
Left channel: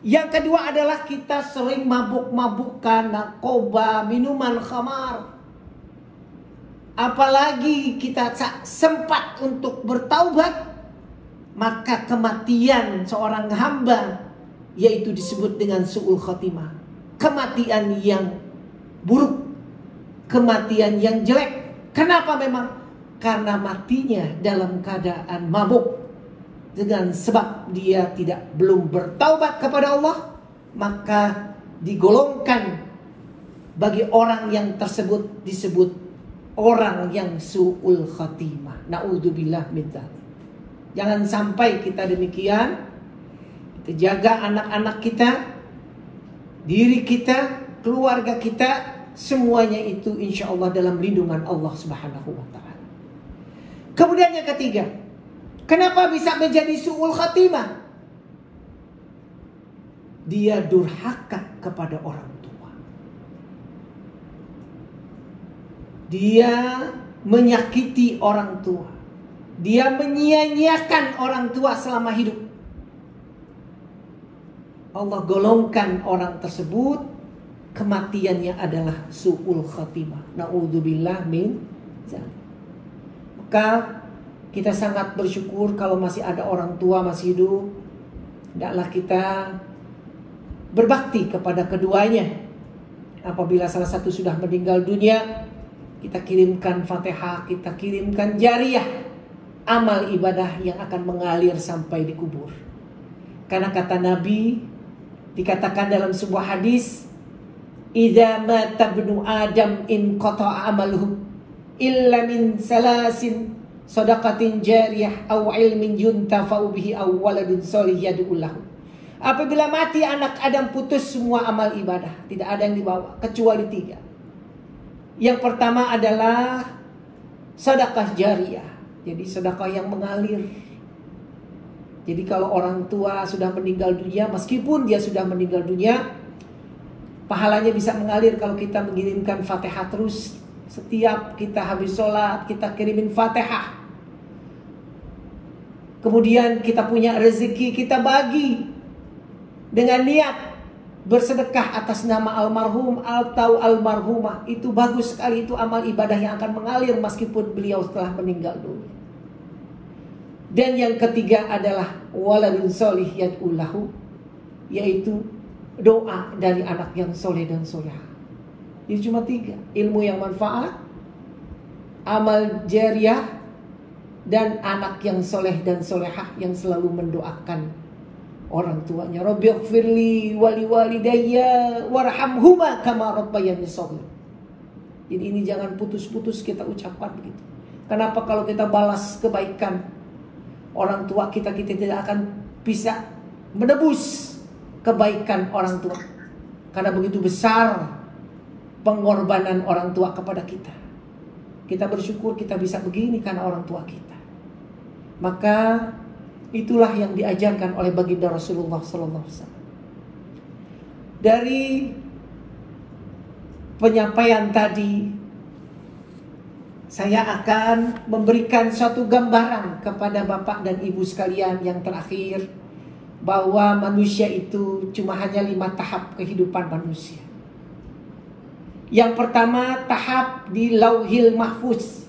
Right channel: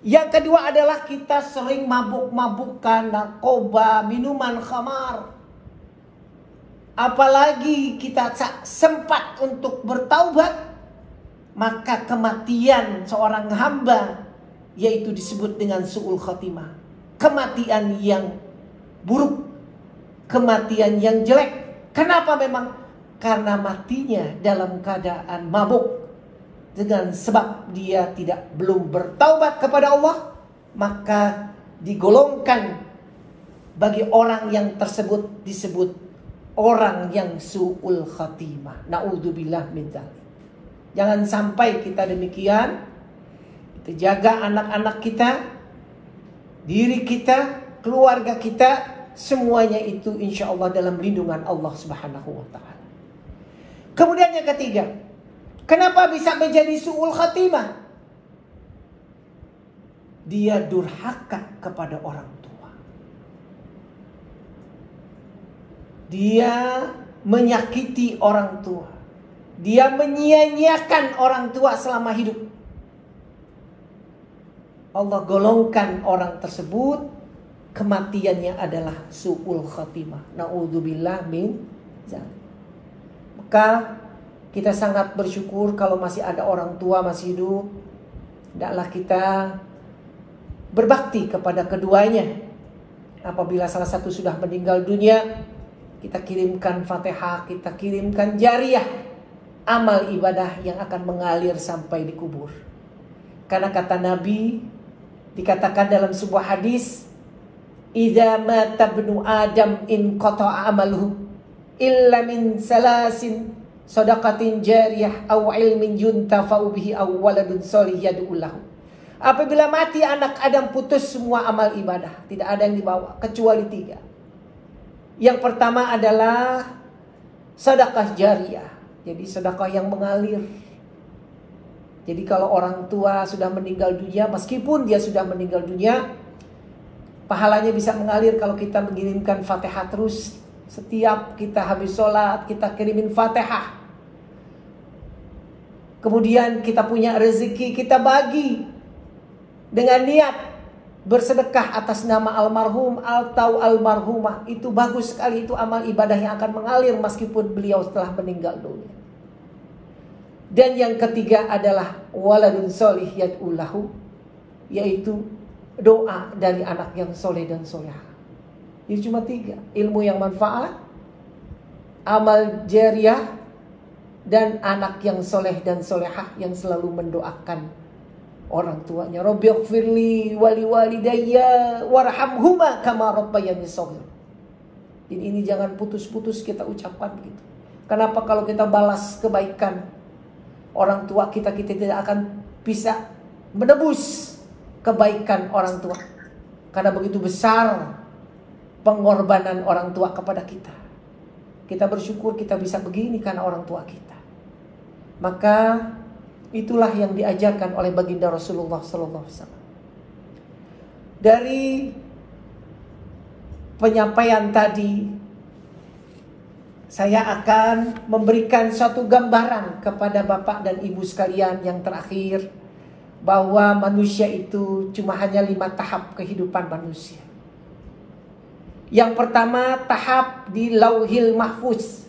Yang kedua adalah kita sering mabuk-mabukan, narkoba, minuman khamar. Apalagi kita sempat untuk bertaubat, maka kematian seorang hamba yaitu disebut dengan su'ul khatimah. Kematian yang buruk, kematian yang jelek. Kenapa memang? Karena matinya dalam keadaan mabuk. Dengan sebab dia belum bertaubat kepada Allah, maka digolongkan bagi orang yang tersebut disebut orang yang su'ul khatimah. Na'udzubillah min dzalik. Jangan sampai kita demikian. Kita jaga anak-anak kita, diri kita, keluarga kita, semuanya itu insya Allah dalam lindungan Allah subhanahu wa ta'ala. Kemudian yang ketiga, kenapa bisa menjadi su'ul khatimah? Dia durhaka kepada orang tua. Dia menyakiti orang tua. Dia menyia-nyiakan orang tua selama hidup. Allah golongkan orang tersebut, kematiannya adalah su'ul khatimah. Na'udzubillah min dzalik. Maka kita sangat bersyukur kalau masih ada orang tua masih hidup. Hendaklah kita berbakti kepada keduanya. Apabila salah satu sudah meninggal dunia, kita kirimkan Fatihah, kita kirimkan jariyah, amal ibadah yang akan mengalir sampai di kubur. Karena kata Nabi, dikatakan dalam sebuah hadis, "Idza mata ibnu Adam in qata'a amaluhu illa min salasin sadaqatin jariyah aw ilmin yuntafa'u bihi aw waladun shalih yad'u lahu." Apabila mati anak Adam, putus semua amal ibadah, tidak ada yang dibawa kecuali 3. Yang pertama adalah sedekah jariyah. Jadi sedekah yang mengalir. Jadi kalau orang tua sudah meninggal dunia, meskipun dia sudah meninggal dunia, pahalanya bisa mengalir kalau kita mengirimkan Fatihah terus. Setiap kita habis sholat, kita kirimin Fatihah. Kemudian kita punya rezeki, kita bagi dengan niat bersedekah atas nama almarhum atau almarhumah. Itu bagus sekali, itu amal ibadah yang akan mengalir meskipun beliau telah meninggal dunia. Dan yang ketiga adalah waladun sholih yad'u lahu, yaitu doa dari anak yang soleh dan solehah. Jadi cuma 3, ilmu yang manfaat, amal jariah, dan anak yang soleh dan solehah yang selalu mendoakan orang tuanya. Rabbighfirli wali walidayya warhamhuma kama rabbayani shaghira. Jadi ini jangan putus-putus kita ucapkan begitu. Kenapa kalau kita balas kebaikan orang tua kita tidak akan bisa menebus kebaikan orang tua? Karena begitu besar pengorbanan orang tua kepada kita. Kita bersyukur kita bisa begini karena orang tua kita. Maka itulah yang diajarkan oleh baginda Rasulullah SAW. Dari penyampaian tadi, saya akan memberikan suatu gambaran kepada Bapak dan Ibu sekalian yang terakhir, bahwa manusia itu cuma hanya 5 tahap kehidupan manusia. Yang pertama, tahap di Lauhil Mahfuz.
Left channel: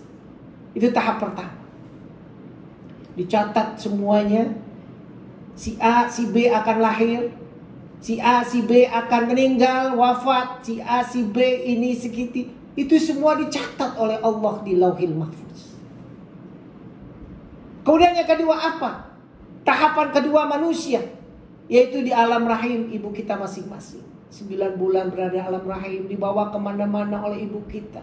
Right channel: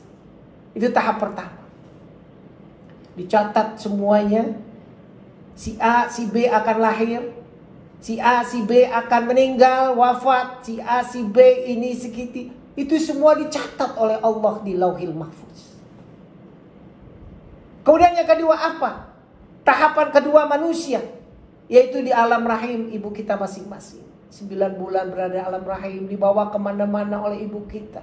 Itu tahap pertama. Dicatat semuanya. Si A, si B akan lahir. Si A, si B akan meninggal, wafat. Si A, si B ini segitu. Itu semua dicatat oleh Allah di Lauhil Mahfuz. Kemudian yang kedua apa? Tahapan kedua manusia, yaitu di alam rahim ibu kita masing-masing. 9 bulan berada di alam rahim, dibawa kemana-mana oleh ibu kita.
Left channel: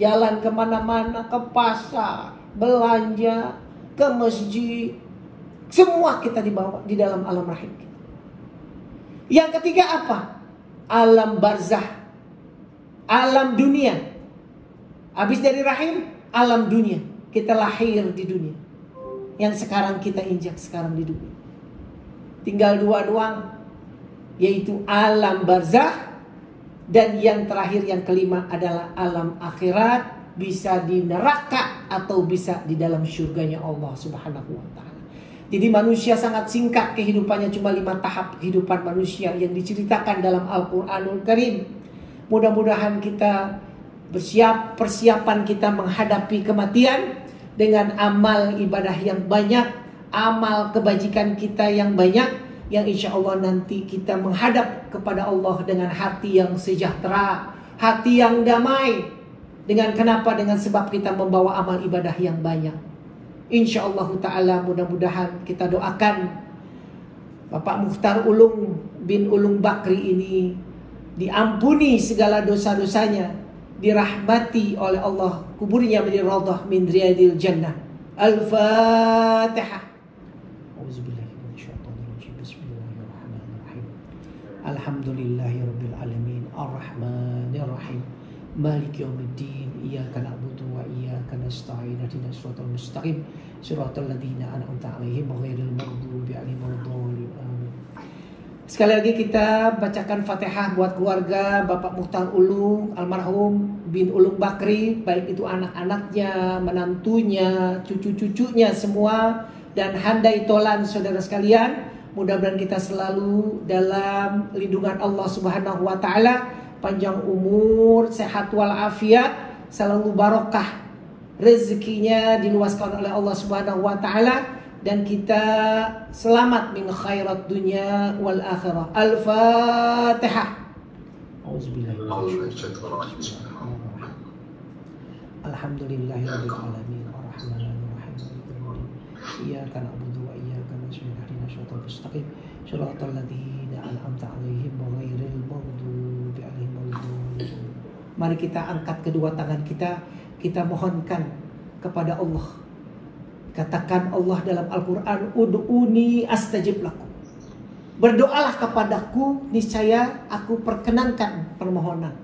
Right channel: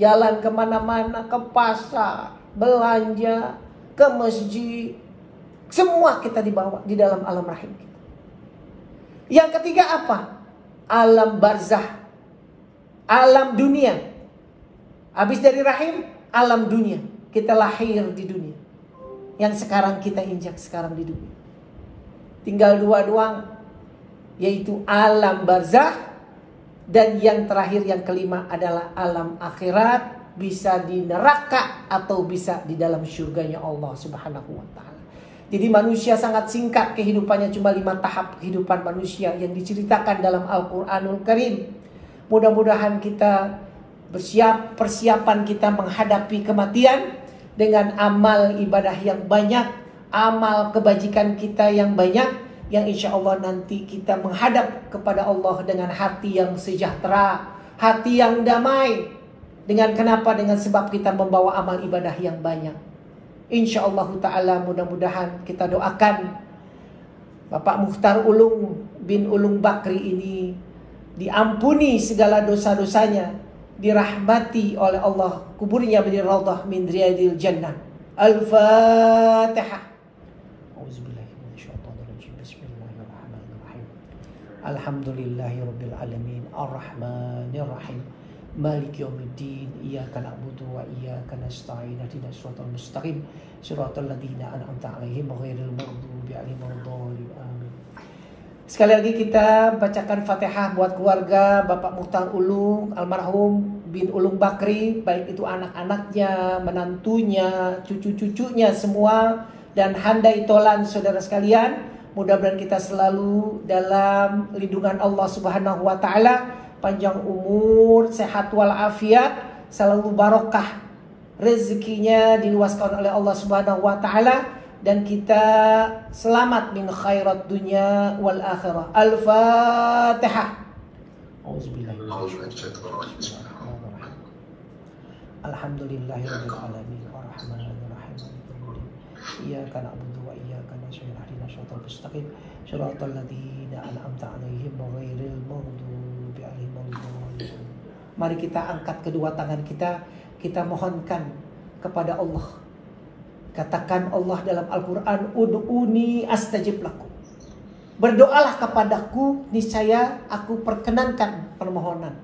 Jalan kemana-mana, ke pasar, belanja, ke masjid. Semua kita dibawa di dalam alam rahim kita. Yang ketiga apa? Alam barzah, alam dunia. Habis dari rahim, alam dunia. Kita lahir di dunia. Yang sekarang kita injak sekarang di dunia. Tinggal 2 doang, yaitu alam barzah, dan yang terakhir yang kelima adalah alam akhirat, bisa di neraka atau bisa di dalam surganya Allah Subhanahu wa taala. Jadi manusia sangat singkat kehidupannya, cuma 5 tahap kehidupan manusia yang diceritakan dalam Al-Qur'anul Karim. Mudah-mudahan kita persiapan kita menghadapi kematian dengan amal ibadah yang banyak, amal kebajikan kita yang banyak, yang insya Allah nanti kita menghadap kepada Allah dengan hati yang sejahtera, hati yang damai. Dengan kenapa? Dengan sebab kita membawa amal ibadah yang banyak. Insya Allah ta'ala mudah-mudahan kita doakan Bapak Mukhtar Ulung bin Ulung Bakri ini diampuni segala dosa-dosanya, dirahmati oleh Allah, kuburnya menjadi raudhah min riyadil jannah. Al-Fatihah. Alhamdulillahirabbil alamin, arrahmanir rahim, maliki yaumiddin, iyyaka na'budu wa iyyaka nasta'in, ihdinas siratal mustaqim, siratal ladzina an'amta 'alaihim ghairil maghdubi 'alaihim waladdallin. Amin. Sekali lagi kita bacakan Fatihah buat keluarga Bapak Mukhtar Ulung almarhum bin Ulung Bakri, baik itu anak-anaknya, menantunya, cucu-cucunya semua, dan handai tolan saudara sekalian. Mudah-mudahan kita selalu dalam lindungan Allah Subhanahu wa taala, panjang umur, sehat walafiat, selalu barokah rezekinya diluaskan oleh Allah Subhanahu wa taala, dan kita selamat min khairat dunya wal akhirah. Al-Fatihah. Alhamdulillahirabbil alamin, arrahmanir rahim, iyyaka na'budu wa iyyaka nasta'in, ihdinas siratal mustaqim, siratal ladzina an'amta 'alaihim ghairil maghdubi 'alaihim waladdallin. Mari kita angkat kedua tangan kita mohonkan kepada Allah. Katakan Allah dalam Al-Quran, ud'uni astajib lakum. Berdoalah kepadaku, niscaya aku perkenankan permohonan.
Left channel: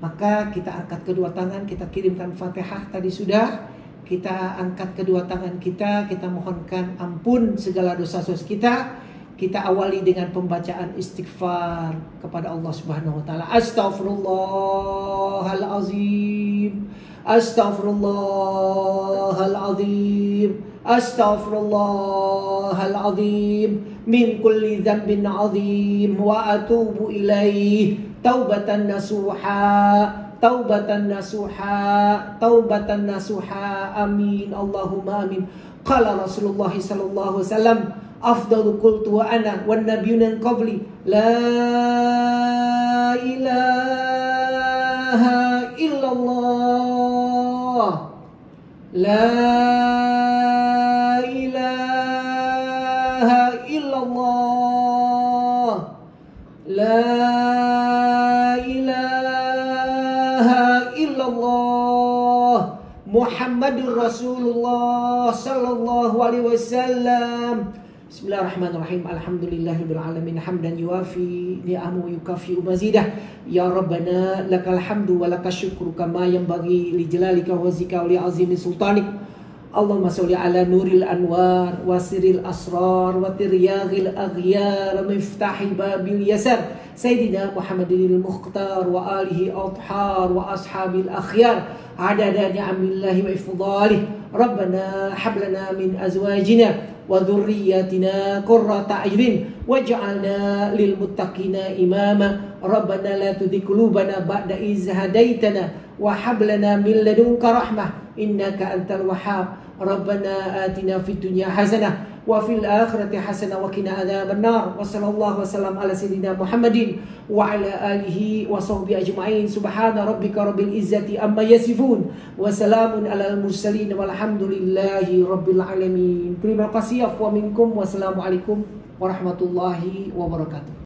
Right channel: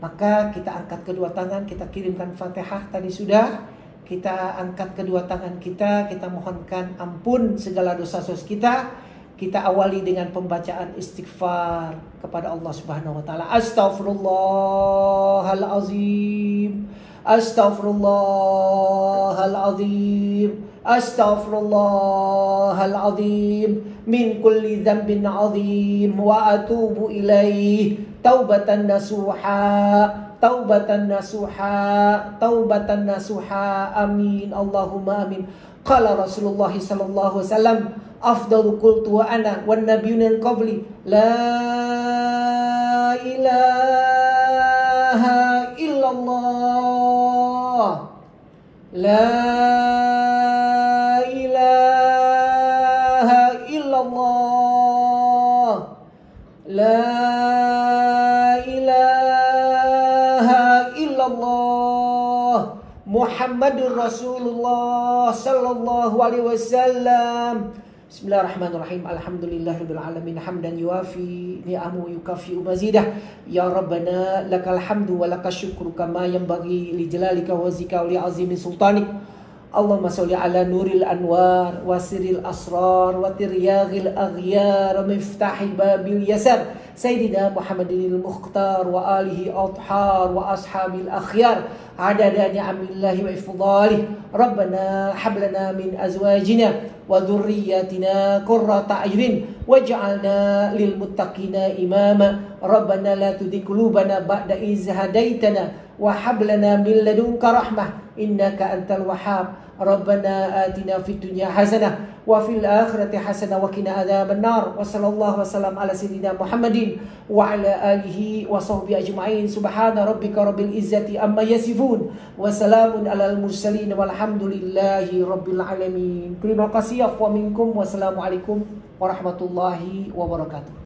Maka kita angkat kedua tangan, kita kirimkan Fatihah tadi sudah. Kita angkat kedua tangan kita mohonkan ampun segala dosa-dosa kita. Kita awali dengan pembacaan istighfar kepada Allah Subhanahu wa taala. Astaghfirullahalazim. Astaghfirullahalazim. Astaghfirullahalazim min kulli dhanbin 'azim wa atubu ilaih taubatan nasuha, taubatan nasuha, taubatan nasuha. Amin Allahumma amin. Qala Rasulullah sallallahu alaihi wasallam, afdalu qultu wa ana wan nabiyyuna min qabli la ilaha illallah. La ilaha illallah. La ilaha illallah. Muhammadur Rasulullah sallallahu alaihi wasallam. Bismillahirrahmanirrahim. Alhamdulillahirabbil alamin hamdan yuafi ni'amahu wa yukafi'u mazidah. Ya Rabbana lakal hamdu wa lakas syukru kama yanbaghi li jalalika wa zika wa li azimi sultanik. Allahumma sholli ala nuril anwar wa sirril asrar wa tiryagil aghyar wa miftahi babil yasar Sayyidina Muhammadinil Mukhtar wa alihi athhar wa ashabil akhyar adada ni'amillahi wa ifdalih. Rabbana hablana min azwajina wa dhurriyyatina qurrata a'yunin waj'alna lil muttaqina imama. Rabbana la tuzigh qulubana ba'da idh hadaitana wa hab lana min ladunka rahmah innaka antal wahhab. Rabbana atina fid dunya hasanah wa fil akhirati hasanah wa qina adzaban nar. Wa sallallahu wasallam ala sayyidina Muhammadin wa ala alihi wa sahbihi ajma'in. Subhana rabbika rabbil izzati amma yasifun wa salamun alal mursalin walhamdulillahi rabbil alamin. Terima kasih afwa minkum. Wassalamualaikum warahmatullahi wabarakatuh.